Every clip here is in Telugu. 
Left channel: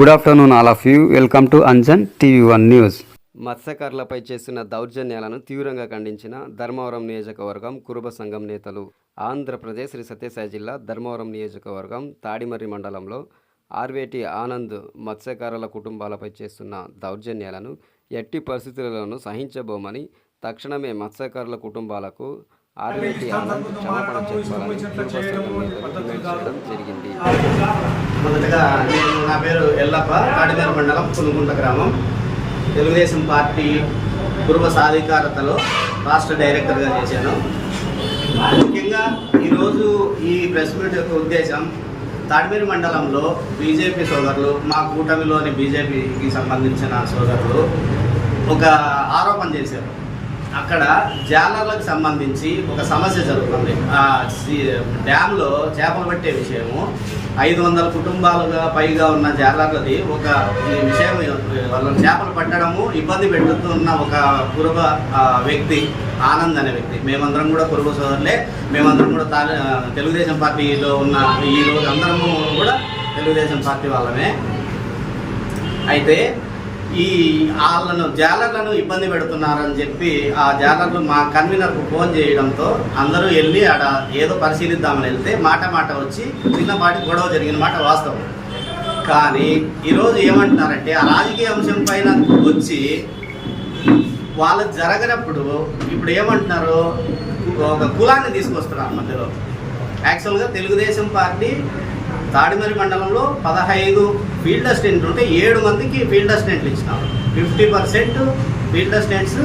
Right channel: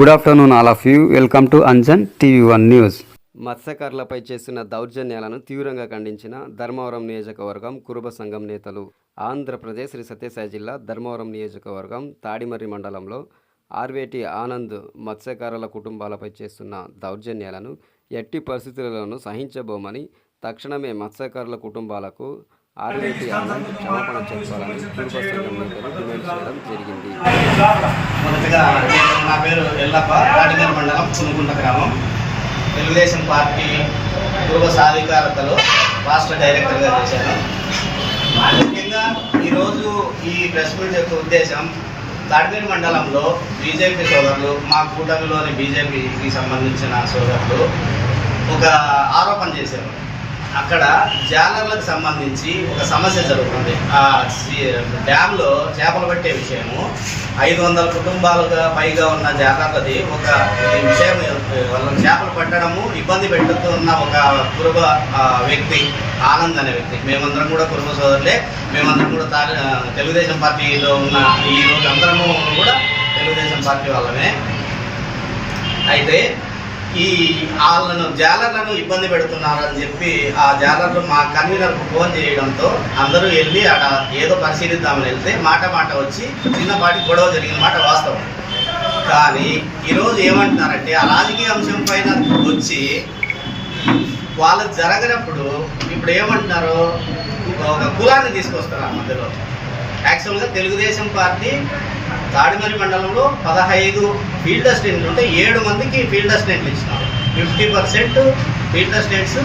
Good afternoon all of you welcome to Anjan TV one news మత్స్యకారులపై చేస్తున్న దౌర్జన్యాలను తీవ్రంగా ఖండించిన ధర్మవరం నియోజకవర్గం కురుబ సంఘం నేతలు ఆంధ్రప్రదేశ్ శ్రీ సత్యసాయి జిల్లా ధర్మవరం నియోజకవర్గం తాడిమర్రి మండలంలో ఆర్వేటి ఆనంద్ మత్స్యకారుల కుటుంబాలపై చేస్తున్న దౌర్జన్యాలను ఎట్టి పరిస్థితులలోనూ సహించబోమని తక్షణమే మత్స్యకారుల కుటుంబాలకు ఆర్వేటి ఆనంద్ క్షమాపణ చెప్పాలని కురుబ సంఘం నేతలు డిమాండ్ చేయడం జరిగింది. మొదటగా నేను నా పేరు ఎల్లప్ప తాడిమేర మండలం పునుగుంట గ్రామం. తెలుగుదేశం పార్టీ పూర్వ సాధికారతలో రాష్ట్ర డైరెక్టర్గా చేశాను. ముఖ్యంగా ఈరోజు ఈ ప్రెస్ మీట్ యొక్క ఉద్దేశం తాడిపేరు మండలంలో బీజేపీ సోదరులు మా కూటమిలోని బీజేపీకి సంబంధించిన సోదరులు ఒక ఆరోపణ చేశారు. అక్కడ జాలర్లకు సంబంధించి ఒక సమస్య జరుగుతుంది. ఆ సి- డ్యాంలో చేపలు పట్టే విషయము. ఐదు వందల కుటుంబాలుగా పైగా ఉన్న జాలర్లది ఒక ఈ విషయం వాళ్ళని చేపలు పట్టడము ఇబ్బంది పెడుతున్న ఒక కురుబ వ్యక్తి ఆనంద్ అనే వ్యక్తి. మేమందరం కూడా కురుబ సోదరులే. మేమందరం కూడా తా- తెలుగుదేశం పార్టీలో ఉన్న ఈ రోజు అందరము కూడా తెలుగుదేశం పార్టీ వాళ్ళమే. అయితే ఈ వాళ్ళను జాలర్లను ఇబ్బంది పెడుతున్నారని చెప్పి ఆ జాలర్లు మా కన్వీనర్కు ఫోన్ చేయడంతో అందరూ వెళ్ళి ఆడ ఏదో పరిశీలిద్దామని వెళ్తే మాట మాట వచ్చి చిన్నపాటి గొడవ జరిగిన మాట వాస్తవం. కానీ ఈరోజు ఏమంటున్నారంటే ఆ రాజకీయ అంశం పైన వచ్చి వాళ్ళు జరగనప్పుడు ఇప్పుడు ఏమంటున్నారు ఒక కులాన్ని తీసుకొస్తున్నారు మధ్యలో. యాక్చువల్గా తెలుగుదేశం పార్టీ తాడిమరి మండలంలో పదహైదు ఫీల్డ్ అసిస్టెంట్లు ఉంటే ఏడు మందికి ఫీల్డ్ అసిస్టెంట్లు ఇచ్చినారు. ఫిఫ్టీ పర్సెంట్ ఫీల్డ్ అసిస్టెంట్స్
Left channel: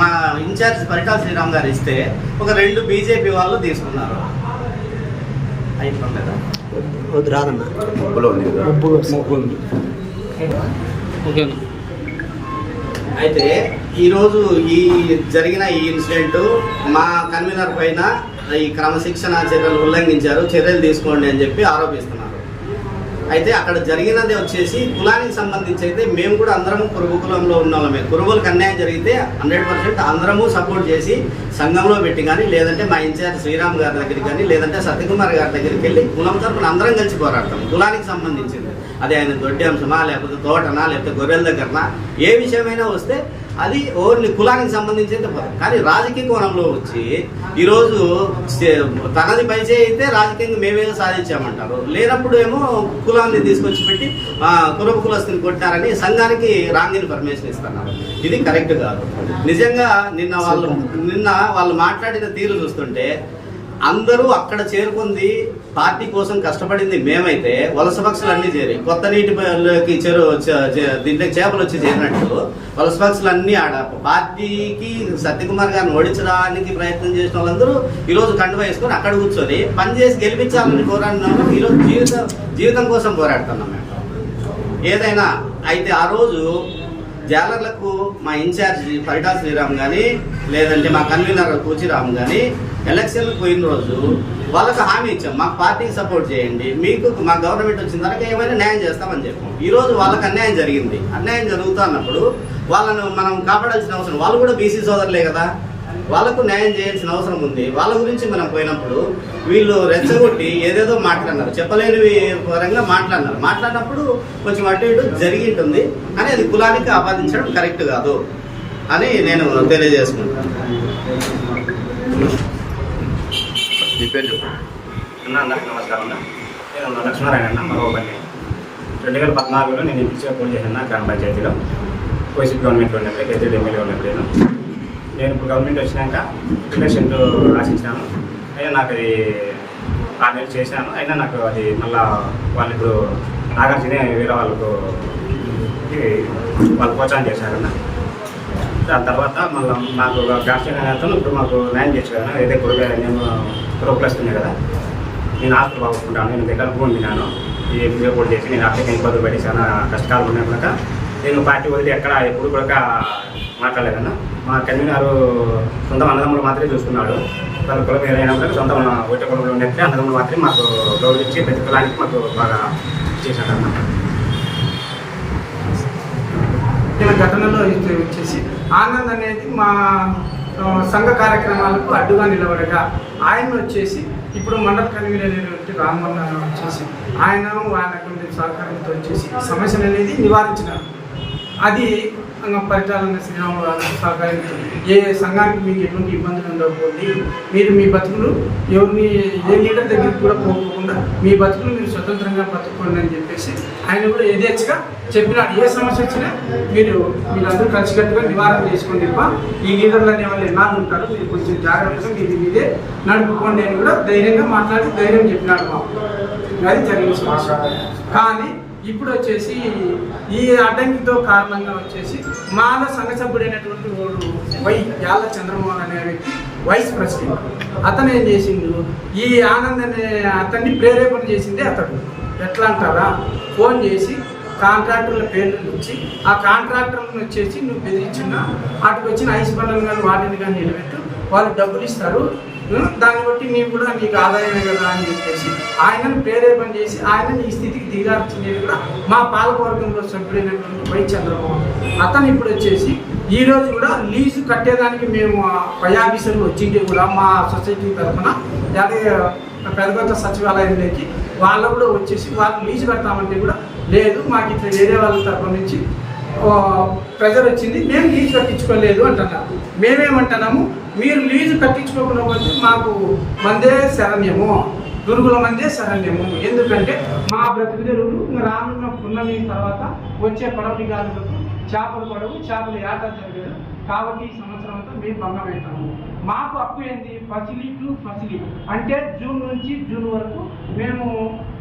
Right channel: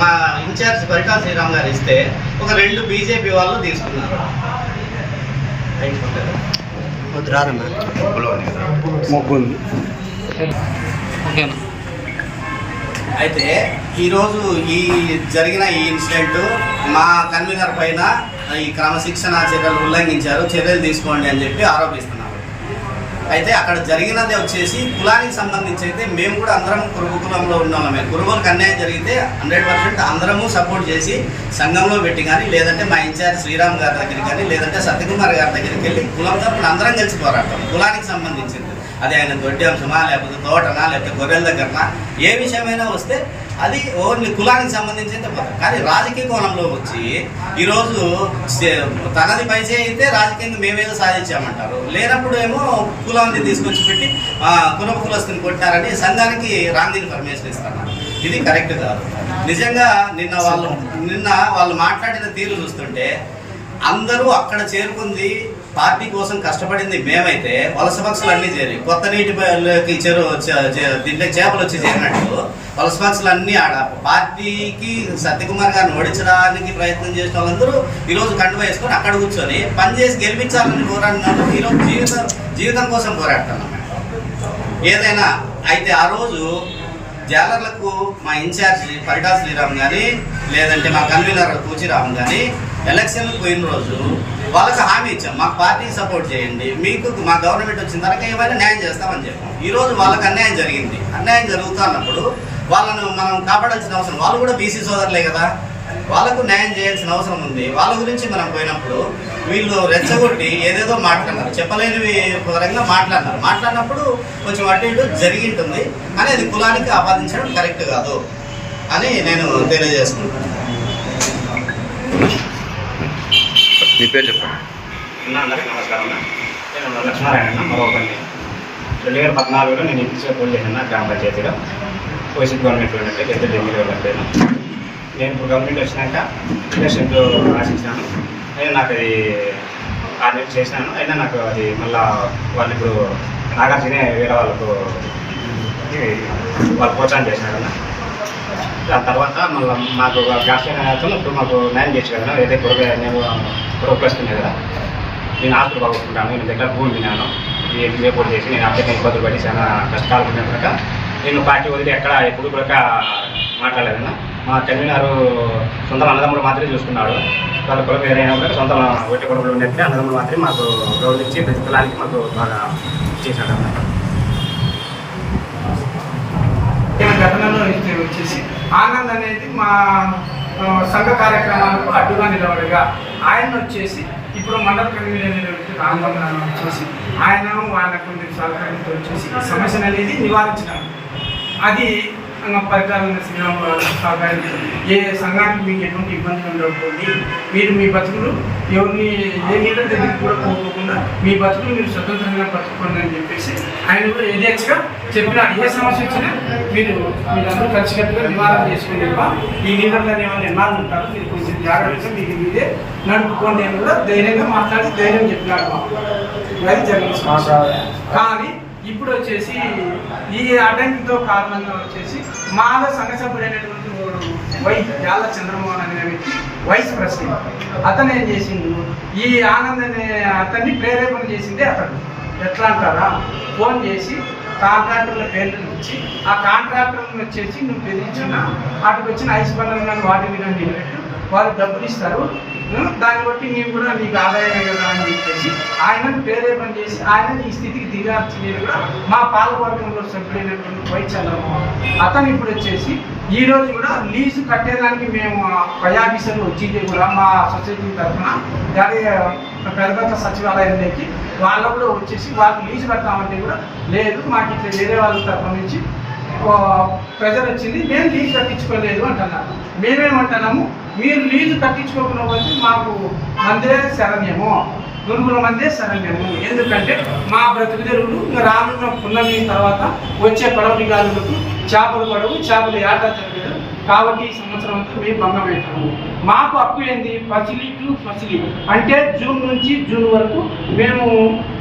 మా ఇన్ఛార్జ్ పరిటాల శ్రీరామ్ గారు ఇస్తే ఒక రెండు బీజేపీ వాళ్ళు తీసుకున్నారు. అయితే ఈరోజు ఈ జరిగిన ఈ ఇన్సిడెంట్ మా కన్వీనర్ పైన ఈ క్రమశిక్షణ చర్యలు ఉల్లంఘించారు చర్యలు తీసుకోండి అని చెప్పి ఆరోపిస్తున్నారు. అయితే అక్కడ జరిగినది వచ్చేసి కులానికి సంబంధించి అయితే మేము కూడా అందరము కురుబు కులంలో ఉన్నవాళ్ళమే. కురుబులకు అన్యాయం జరిగితే హండ్రెడ్ పర్సెంట్ అందరము సపోర్ట్ చేసి సంఘంలో పెట్టి కానీ లేదంటే మా ఇన్ఛార్జ్ శ్రీరామ్ గారి దగ్గరికి కానీ లేదంటే సత్యకుమార్ గారి దగ్గరికి వెళ్ళి కులం తరపున అందరం కలిసి పోరాడతాం కులానికి సంబంధించింది. అది ఆయన దొడ్డి అంశమా లేకపోతే తోటనా లేకపోతే గొర్రెల దగ్గరనా ఏ విషయమైనా వస్తే అది ఓన్లీ కులానికి సంబంధించిన పథకం కానీ రాజకీయ కోణంలో వచ్చి ఈరోజు తనది పైసే అయితే రాజకీయంగా మేమేదో సాధించామంటారు. లేనప్పుడు ఏమో కులాన్ని తీసుకొచ్చి పెట్టి ఆ, కులప కులస్తుని కొట్టారని సంఘానికి రాంగ్ ఇన్ఫర్మేషన్ ఇస్తున్నారు. ఇది కరెక్ట్ కాదు. నిజంగా నిన్న వాళ్ళు నిన్న వాళ్ళు మాట్లాడిన తీరు చూస్తుంటే అందరూ అక్కడ చేరుకుంది పార్టీ కోసం కష్టపడింది మేమైతే వలస పక్షులు అన్నీ చేరి కొత్త నీటి చెరు దీంట్లో చేపలు వచ్చి చేరినట్టు వలస పక్షులు అన్నీ ఆడ పార్టీకి సత్యకుమార్ గారిని ఓడించడానికి ప్రయత్నం చేసిన వాళ్ళందరూ ఈరోజు కండువ వేసుకొని అక్కడ కూర్చొని పని చేసి గెలిపించాలని పోరాడిన వాళ్ళు ఈరోజు జీవితం జీవితం కోసం పోరాడుతున్నాం మేము. ఏదైనా అయితే ఆ రోజు జాలర్లకు మా ఇన్ఛార్జి పరిటా శ్రీరామ్ కానీ లేదంటే మా కన్వీనర్ కూచిరామ్ కానీ ఎలక్షన్కి పోయిన రోజు వాళ్ళకి హామీ ఇచ్చాం. మాకు పార్టీకి సపోర్ట్ చేయండి. మీకు మా గవర్నమెంట్ వచ్చిన తర్వాత ఏమైనా న్యాయం చేస్తామని చెప్పాం. ఈరోజు వాళ్ళకి అన్యాయం జరిగింది. అన్యాయం జరుగుతూ అన్నప్పుడు వాళ్ళను మనం కాపాడాల్సిన అవసరం వాళ్ళు కూడా బీసీ సోదరులే కదా. వాళ్ళకు న్యాయం చేయాల్సిన అవసరం ఉంది. వాళ్ళ గురించి మనం పోయినప్పుడు వీళ్ళు రెచ్చగొట్టి ఏదేదో మాట్లాడినారు. చెప్పలేని పరంగా మాట్లాడినారు. మాట్లాడినప్పుడు కొంచెం అటు ఇటు జరిగి ఉంటుంది కానీ అది కులానికి ఆపాదించడం కరెక్ట్ కాదు అని నేను తెలియజేసుకుంటాను మీ పేరు చెప్పండి. అన్న అందరికీ నమస్కారం అన్న. నేను లక్ష్మీనారాయణ అన్న మరోపల్లి రెండు వేల పద్నాలుగులో నేను ఇంటిగా పోటీ చేశాను గ్రామ పంచాయతీలో. వైసీపీ గవర్నమెంట్ ఉన్నప్పుడు పెద్ద ఎమ్మెల్యే ఉన్నప్పుడు. నేను ఇప్పుడు గవర్నమెంట్ వచ్చినాక ఎలక్షన్ ఆశించాను అయినా నాకు అది ఆరు నెలలు చేశాను. అయినా నాకు అది మళ్ళా వాళ్ళు ఇప్పుడు నాగార్జునే వేరే వాళ్ళకు వాళ్ళు ప్రోత్సాహం చేశారన్న. దాని తర్వాత మళ్ళీ మాకు రాష్ట్రీయ నాయకులు ఇప్పుడు మాకు న్యాయం చేసి కదా ఏదైతే కొడుకు నేను కొడుకు కదా నేను ఆస్తులు బాగుంటున్నాను నేను దగ్గర భూమి విన్నాను ఈ పోటీ చేసి నేను ఆర్థిక ఇబ్బందులు పడి చాలా కష్టాలు ఉన్నాయి కనుక నేను పార్టీ వదిలి ఎక్కడ ఎప్పుడు కూడా మాట్లాడలేదన్నా. మా కన్వీనర్ సొంత అన్నదమ్ములు మాత్రమే చూసుకున్నాడు. వాళ్ళ కులం ఏదైనా కూడా సొంత ఒట్టి కుటుంబంలో ఉండేది అన్నదమ్ములు మాత్రమే మాకు గౌరవించి ప్రతి కులానికి మాకు బాగా చేశాడన్న గతంలో వచ్చేసి ఆనంద్ అనేది మా సంఘ కార్యక్రమాలకు అడ్డుగా నిలవడగా ఆయన వచ్చేసి ఇప్పుడు మండల కన్వీనర్ అయినటువంటి రామబంధ వచ్చేసి ఆయన ఆయన కొన్ని సహకారంతో వచ్చేసి సమస్యను అనేది నివారించడం. అది ఇంకా పరికారం సినిమా సహకారంతో ఏ సంఘానికి మీకు ఎటువంటి ఇబ్బందులు ఉండకపోండి. మీరు మీ బతుకులు ఎవరిని ఏ లీడర్ దగ్గరికి కూడా పోకోకుండా మీ బతుకులు మీరు స్వతంత్రంగా బతుకోండి అని చెప్పేసి ఆయన కూడా ఎదేచ్గా చెప్పిన ఏ సమస్య వచ్చినా మీరు మీరందరూ కలిసికట్టుగా నివారణ చేసుకుని తప్ప ఈ లీడర్లు అనే వాళ్ళు ఎలా ఉంటారు మీరు కొంచెం జాగ్రత్తగా మీరు మీదే నడుపుకోండి అని కూడా ధైర్యంగా మాట్లాడి ధైర్యం చెప్పినాడు మాకు. అది జరిగిన సమస్య. కానీ ఇప్పుడు వచ్చేసి ఈ అడ్డంకితో కారణంగా వచ్చేసి మాల సంఘ సభ్యుడైనటువంటి వై యాళ్ళ చంద్రమోహన్ అనే వ్యక్తి వైస్ ప్రెసిడెంట్. అతను ఏం చేసిండు. ఈ ఆనంద్ అనే అతన్ని ప్రేరేపణ చేసిందే అతడు. ఎట్లా అంటారా? ఫోన్ చేసి కాంట్రాక్టర్ల పేర్లను ఇచ్చి ఆ కాంట్రాక్టర్లను వచ్చేసి నువ్వు బెదిరించిన వాటికి వచ్చిన ఐస్ పనులు కానీ వాటిని కానీ నిలబెట్టు వాళ్ళు డబ్బులు ఇస్తారు. దాన్ని బట్టి నీకు కూడా నీకు ఆదాయమే కదా అని చెప్పేసి ఆయనను ప్రేరేపణ చేసి ఆయన ఈ స్థితికి దిగాల్సింది కూడా మా పాలకవర్గంలో సభ్యుడైనటువంటి వై చంద్రబాబు అతను ఇప్పుడు వచ్చేసి ఈ రోజు కూడా లీజు కట్టేదానికి మేము పై ఆఫీసర్లు వచ్చి కూడా మా సొసైటీ తరఫున దాని పెద్దగొత్త సచివాలయంలోకి వాళ్ళు కూడా వచ్చేసి వాళ్ళు లీజు కడతామంటే కూడా లేదు మాకు ఇట్లా వేరే వాళ్ళ తరఫున నుంచి ప్రెజర్ వచ్చింది మేము లీజు కట్టించుకోలేదు అంటున్నారు. మేమేమంటున్నాము? మీరు లీజు కట్టించుకోకుండా వచ్చి మాకు మందే శరణ్యము. గురుగుల మందే శరణ్యము. ఎందుకంటే మా బ్రతుకు తెరువులు రానున్న పున్నమి తర్వాత వచ్చే పడవటి గాలులకు చేపలు పడవు చేపలు ఏటా జరగదు. కాబట్టి ఈ సంవత్సరం అంతా మేము భంగం పెట్టాము మాకు అప్పు ఏంది? ఫసిలి టు ఫసిలి. అంటే జూన్ నుంచి జూన్ వరకు మేము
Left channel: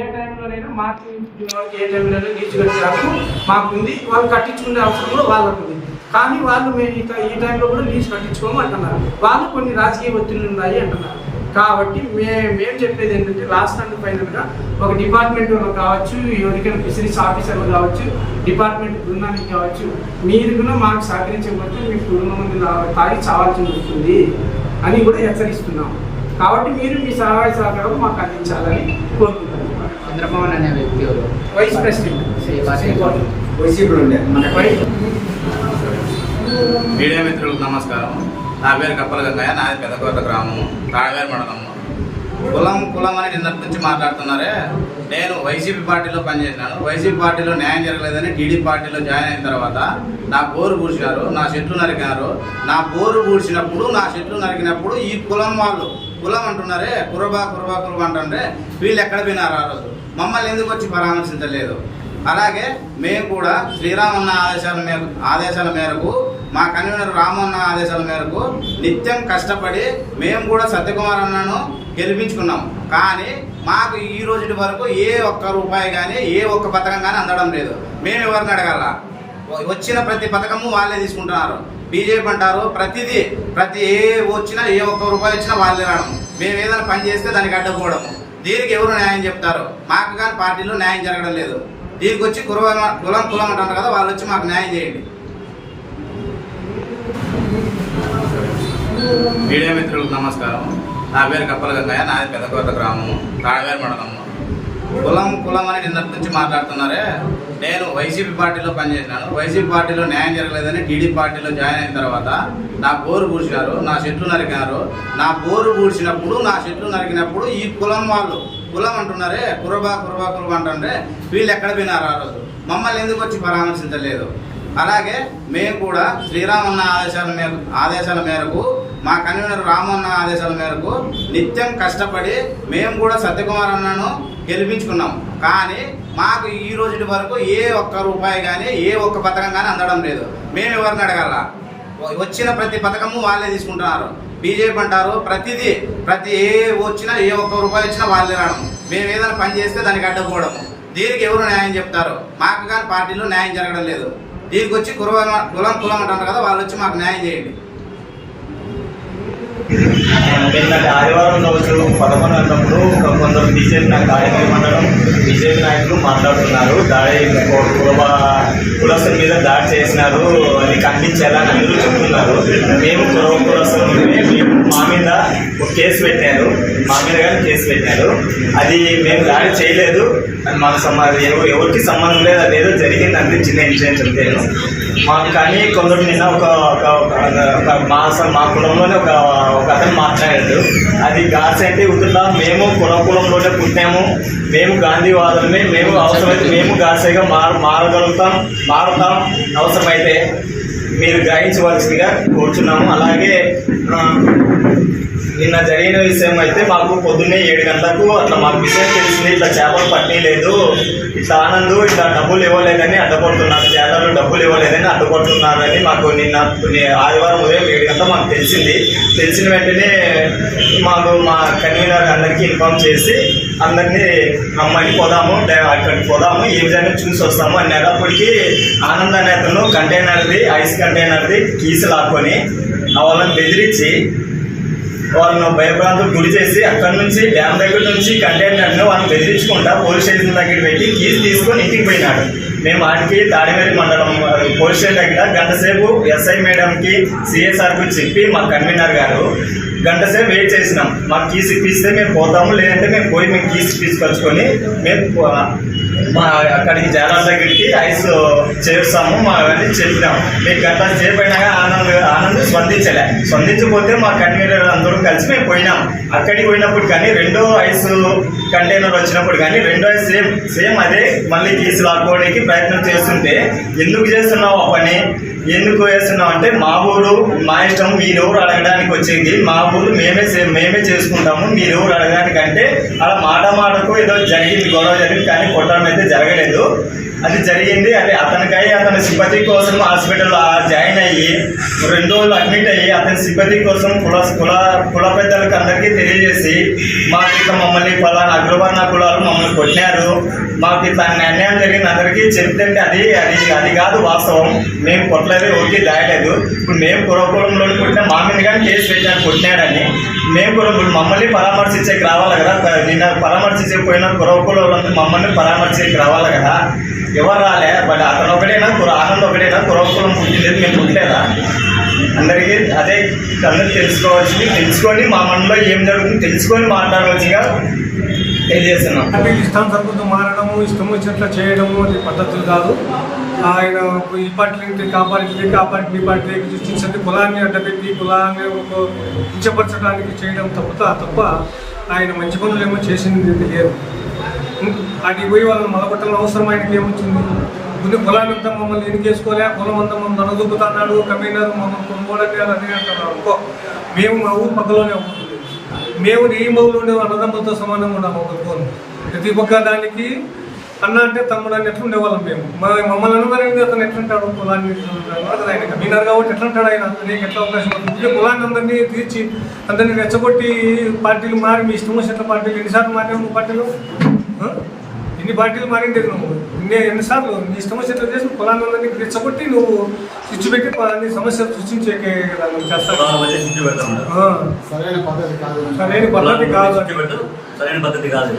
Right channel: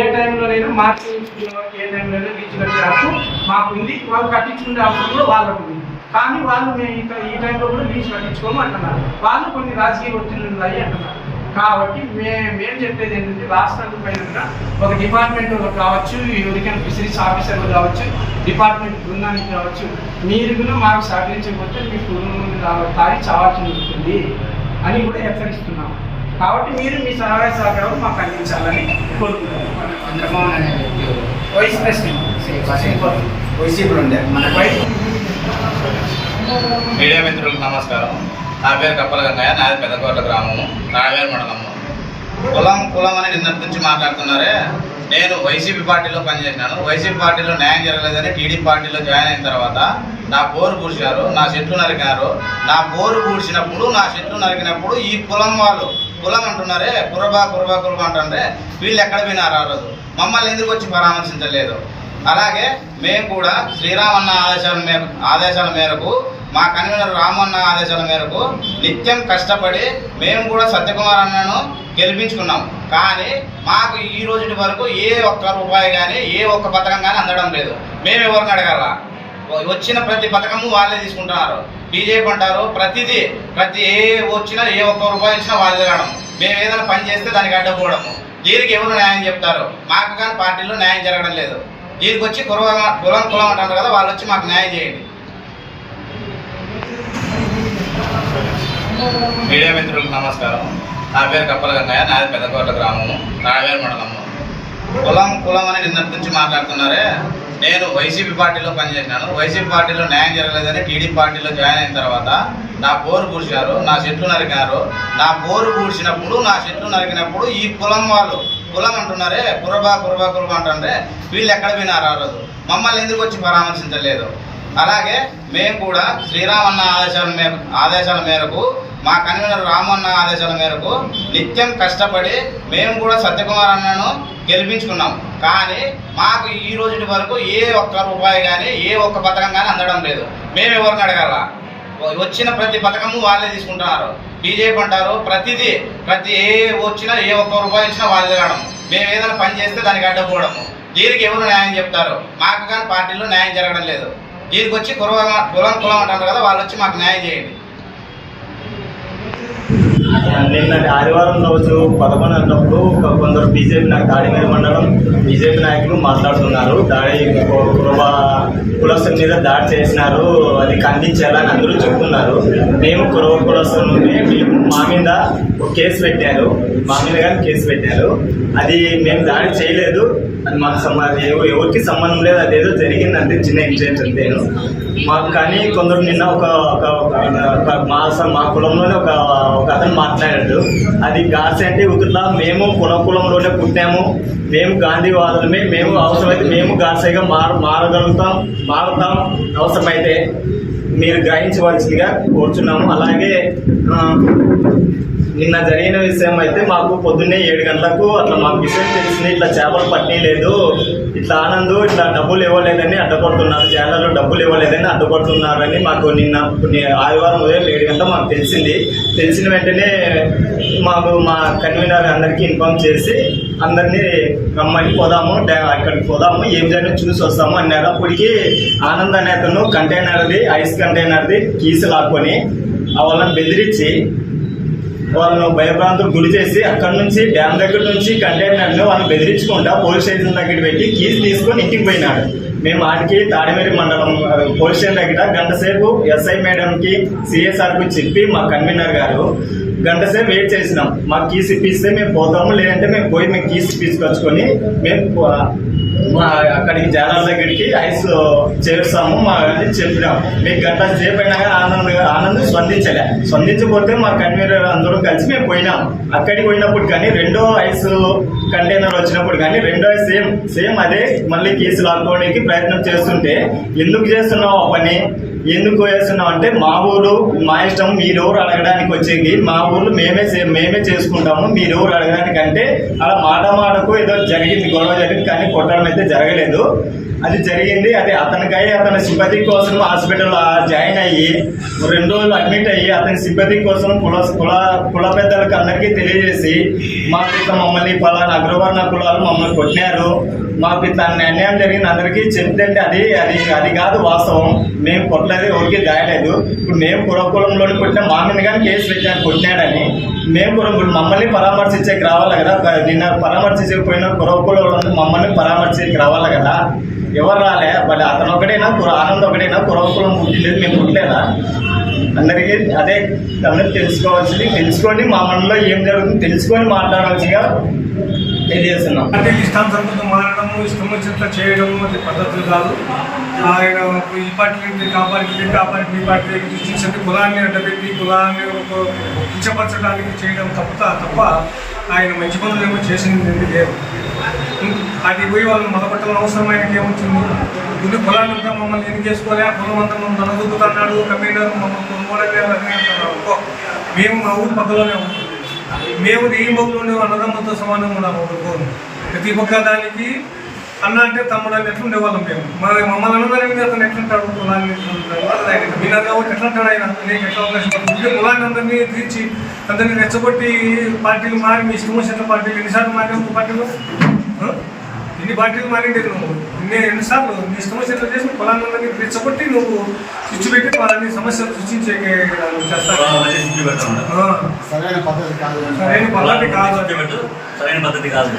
ఏ టైంలోనైనా మార్చి నుంచి జూన్ వరకు ఏ టైంలోనైనా లీజు కట్టే హక్కు మాకు ఉంది వాళ్ళు కట్టించుకునే అవసరం కూడా వాళ్ళకు ఉంది కానీ వాళ్ళు మేము ఇక ఈ టైంలో కూడా లీజు కట్టించుకోము అంటున్నారు. వాళ్ళు కొన్ని రాజకీయ ఒత్తిళ్ళు ఉన్నాయి అంటున్నారు. కాబట్టి మే మేము చెప్పేది ఏంటంటే లాస్ట్ అండ్ ఫైనల్గా ఒక డిపార్ట్మెంట్ కావచ్చు ఎవరికైనా ఫిషరీస్ ఆఫీసర్లు కావచ్చు డిపార్ట్మెంట్ బృందానికి కావచ్చు మీరు కూడా మాకు సహకరించకపోతే మీ కుటుంబం మంది తాగి చావాల్సి ఉంటుంది అని కూడా హెచ్చరిస్తున్నాం కాబట్టి మీరు మీ సహాయ సహకారం మాకు అందించాలని కోరుకుంటున్నాం చంద్రమోహన్ అనే వ్యక్తి? వైస్ ప్రెసిడెంట్ వైసీపీలో ఉండే. మన వైస్ మీడియా మిత్రులకు నమస్కారం. నా పేరు కప్పల గంగయ్య నాది పెద్దకోట గ్రామము రావేరు మండలము. కులం కులం అని నిన్నటి నుంచి మాట్లాడుతున్నారే? నేను వైసీపీ పార్టీలో పనిచేసినాను. వైసీపీ పార్టీలో న్యాయం జరగలేదని టీడీపీ పార్టీలో జాయిన్ అయిన తర్వాత నా బోరు పూడ్చారు నా చెట్లు నరికినారు. నా బోరు పూడ్చినప్పుడు నా చెట్లు నరికినప్పుడు ఈ కులం వాళ్ళు కులం అంటున్నారే కురబా కురబా కురబా అంటుంటే వీళ్ళు ఎక్కడ పోయినారు ఆ రోజు? మమ్మల్ని ఎందుకు వచ్చి పరామర్శించలేదు? అలాగే మేము కూడా శ్రీరామన్న ఆదేశాల మేర ఆదేశాల మేరకు మా కన్వీనర్ రామన్న ఆదేశాల మేరకు నిత్యం కష్టపడి మేము కూడా సత్యకుమార్ అన్నను గెలిపించుకున్నాం. కానీ మాకు ఈ రోజు వరకు ఏ ఒక్క రూపాయి కానీ ఏ ఒక్క పథకం కానీ అందడం లేదు. మేము ఎవరిని అడగలరా వచ్చిన ప్రతి పథకము వాళ్ళే తీసుకుంటున్నారు. బీజేపీ అంటారు ప్రతిదీ ప్రతి ఏ వచ్చినా ఏ ఒక్క రూపాయి వచ్చినా వాళ్ళే రావడం. మేము ఏదైనా పని చేస్తే దానికి అడ్డపోవడము దీనికి ఎవరు న్యాయం చెప్తారు? మాకు కానీ పార్టీలో న్యాయం జరగడం లేదు. దీనికి వచ్చి కులం కులం కులం అంటారు కదా వాళ్ళు వచ్చి మాకు న్యాయం చేయండి. మీడియా మిత్రులకు నమస్కారం. నా పేరు కప్పల గంగయ్య నాది పెద్దకోట గ్రామము రావేరు మండలము. కులం కులం అని నిన్నటి నుంచి మాట్లాడుతున్నారే? నేను వైసీపీ పార్టీలో పనిచేసినాను. వైసీపీ పార్టీలో న్యాయం జరగలేదని టీడీపీ పార్టీలో జాయిన్ అయిన తర్వాత నా బోరు పూడ్చారు నా చెట్లు నరికినారు. నా బోరు పూడ్చినప్పుడు నా చెట్లు నరికినప్పుడు ఈ కులం వాళ్ళు కులం అంటున్నారే కురబా కురబా కురబా అంటుంటే వీళ్ళు ఎక్కడ పోయినారు ఆ రోజు? మమ్మల్ని ఎందుకు వచ్చి పరామర్శించలేదు? అలాగే మేము కూడా శ్రీరామన్న ఆదేశాల మేర ఆదేశాల మేరకు మా కన్వీనర్ రామన్న ఆదేశాల మేరకు నిత్యం కష్టపడి మేము కూడా సత్యకుమార్ అన్నను గెలిపించుకున్నాం. కానీ మాకు ఈ రోజుటి వరకు ఏ ఒక్క రూపాయి కానీ ఏ ఒక్క పథకం కానీ అందడం లేదు. మేము ఎవరిని అడగాల? వచ్చిన ప్రతి పథకము వాళ్ళే తీసుకుంటున్నారు. బీజేపీ అంటారు ప్రతిదీ ప్రతి ఏ వచ్చినా ఏ ఒక్క రూపాయి వచ్చినా వాళ్ళే రావడం. మేము ఏదైనా పని చేస్తే దానికి అడ్డపోవడము. దీనికి ఎవరు న్యాయం చెప్తారు? మాకు కానీ పార్టీలో న్యాయం జరగడం లేదు. దీనికి వచ్చి కులం కులం కులం అంటారు కదా వాళ్ళు వచ్చి మాకు న్యాయం చేయండి. నిన్న ఆదివారం రోజు పదకొండు అన్నప్పుడు కొందరు బీజేపీ నాకు దాడికి మండలం బీజేపీ నాయకులు మాట్లాడుతున్నారు. దాడి కులబ కులస్తుల మీద దాడి చేసినారు. అది ఖండించాలని అందరూ చెప్తున్నారు. మేము కులవ కులస్తులమే మేము మా మీద ఒక కేసు పెట్టారు. మా మీద కానీ కేసు పెట్టారు. అది మేము దాడి చేయలేదు. అది మాకు సంబంధం ఎవరికి సంబంధం లేదు. అదేదో జరిగిందంటే చిన్న ఇన్సిడెంట్ అంతేను. మాకు కానీ కొందరు నిన్న ఒక ఒక ఒక మా మా కులంలోనే ఒక ఒక అతను మాట్లాడాడు. అది గాడ్స్ అంటే ఉతుట్లా మేము కుల కులంలోనే పుట్టాము. మేము గాంధీవాదులమే. మేము అవసరమైతే మేము గాడ్సేగా మార మారగలుగుతాం మారుతాం. అవసరమైతే మీరు గ్రహించవలసిందిగా కోరుచున్నాము. అలాగే నిన్న జరిగిన విషయం అయితే మాకు పొద్దున్నే ఏడు గంటలకు అట్లా మాకు విషయం తెలిసింది ఇట్లా చేపలు పట్టినీ లేదు ఇట్లా ఆనందు ఇట్లా డబ్బులు ఇవ్వలేదని అడ్డపడుతున్నారు. చేపలు డబ్బులు ఇవ్వలేదని అడ్డపడుతున్నారని మాకు నిన్న ఆదివారం ఉదయం ఏడు గంటల మాకు తెలిసింది. తెలిసిన వెంటనే మాకు మా కన్వీనర్ అందరికీ ఇన్ఫామ్ చేసి అందరినీ రమ్మని పోదాము అక్కడికి పోదాము ఏం జరిగిన చూసి వస్తాము అన్నారు. అప్పటికి ఆనంద్ అనే అతను కంటైనర్ది ఐస్ కంటైనర్ది కీసు లాక్కొని వాళ్ళని బెదిరించి వాళ్ళను భయభ్రాంతులు గురి చేసి అక్కడి నుంచి డ్యామ్ దగ్గర నుంచి కంటైనర్ను వాళ్ళని బెదిరించుకుంటా పోలీస్ స్టేషన్ దగ్గర పెట్టి కీస్ తీసుకొని ఇంటికి పోయినాడు మేము ఆడికి తాడిమేరి మండలం పోలీస్ స్టేషన్ దగ్గర గంట సేపు ఎస్ఐ మేడంకి సిఎస్ఆర్కి చెప్పి మా కన్వీనర్ గారు గంట సేపు వెయిట్ చేసినాం. మాకు కీస్ ఇప్పిస్తే మేము పోతాము లేదంటే మేము పోయి మేము కీస్ తీసుకొచ్చుకొని మేము మా అక్కడికి జనాల దగ్గరికి ఐస్ చేరుస్తాము మా అని చెప్పినాం. మీకు గంట సేపు అయినా ఆనంద్ ఆనంద్ స్పందించలే. స్పందించకపోతే మా కన్వీనర్ అందరూ కలిసి మేము పోయినాం. అక్కడికి పోయినప్పుడు కానీ రెండో ఐస్ కంటైనర్ వచ్చినప్పుడు కానీ రెండో ఐస్ సేమ్ సేమ్ అదే మళ్ళీ కేసు లాక్కోవడానికి ప్రయత్నం చేస్తుంటే ఎందుకు చేస్తున్నావు ఆ పని? ఎందుకు వేస్తున్నాం అంటే మా ఊరు మా ఇష్టం మీరెవరు అడగడానికి వచ్చేది? మా ఊరు మేమే మేమే చేసుకుంటాము మీరెవరు అడగడానికి అంటే అలా మాట మాటకు ఏదో జరిగింది గొడవ జరిగింది కానీ కొట్టడం అయితే జరగలేదు. అది జరిగింది. అది అతనికై అతని సింపతి కోసం హాస్పిటల్లో జాయిన్ అయ్యి రెండు రోజులు అడ్మిట్ అయ్యి అతని సింపతి కోసం కుల కుల కుల పెద్దలకు అందరికీ తెలియజేసి మాకు ఇట్లా మమ్మల్ని పలానా అగ్రవర్ణ కులాలు మమ్మల్ని కొట్టినారు. మాకు ఇట్లా అన్యాయం జరిగింది. అందరికీ చెప్తే అది అది అది కాదు వాస్తవం. మేము కొట్టలేదు ఓకే దాయలేదు. ఇప్పుడు మేము కులకులంలో కొట్టిన మా మీద కానీ కేసు పెట్టాను కొట్టినాడని. మేము కూడా మమ్మల్ని పరామర్శించేకి రావాలి కదా? నిన్న పరామర్శించకపోయినా కురవకులందరూ మమ్మల్ని పరామర్శించేకి రావాలి కదా? ఎవరు రాలే బట్ అతను ఒకటేనా? కుర ఆనంద్ ఒకటేనా? కురవకులం పుట్టింది మేము పుట్టలేదా? అందరికీ అదే అందరూ తెలుసుకోవాల్సింది తెలుసుకొని మా మనలో ఏం జరుగుతుందో తెలుసుకొని మాట్లాడాల్సిందిగా తెలియజేస్తున్నాం. అంటే ఇష్టం తక్కువ మారడము ఇష్టం వచ్చినట్లు చేయడము అది పద్ధతులు కాదు. ఆయన ఈ పార్టీ కాపాడి కాపాడి పార్టీ పార్టీ ఈ పార్టీ సృష్టించండి కులాన్ని అడ్డపెట్టి కులాన్ని కించపరచడానికి చేయడం తప్ప తప్ప ఆయన మంచి పనులు ఏమో చేసింది లేదు. అది పోయి వాళ్ళని మొదలగొట్టాలని అవసరం ఆయనకి ఏమవుతుంది ముందు పొలాన్ని అంతా మమ్మల్ని ఎందుకు చేసుకోలే కులం అంతా మమ్మల్ని అనదుకుతున్నాడు కమిషనర్ మమ్మల్ని కొనుగోలే అని అంటున్నారు. మేము నా ఊరు పక్కలోనే ఉంటాం మేము ఈ మౌలోనే అన్నదమ్ములతో సమానంగా ఉన్నాము ఒకరికోరు ప్రతి ఒక్క దానికి అన్న అంటే తమ్ముడు అని ఎట్లా ఉండేవాళ్ళం మేము. మరి మమ్మల్ని అందరికీ అతను ఎట్లుంటాడు పొలాన్ని ఎట్లుంటాడు విన్నారు కాబట్టి ఎట్లంటాడు ఆయన. నీకు ఎట్లా అవకాశం ఉంటుంది పొలాన్ని అందరినీ తీర్చి అందరినీ రెచ్చగొట్టి పార్టీలు మారి మీ ఇష్టం వచ్చిన పార్టీలు ఎన్నిసార్లు మారి పార్టీలు? ఆ? ఎన్ని పార్టీలు మారింది నువ్వు. ఇన్ని ఎన్నిసార్లు నీ వచ్చినట్లు చేసి అందరినీ రెచ్చగొట్టి నువ్వు స్విచ్ పెట్టి పలాన్ని సమస్యలు సృష్టించే. సరైన పద్ధతి కాదు. సరైన పద్ధతి కాదు. సరైన పద్ధతి కాదు.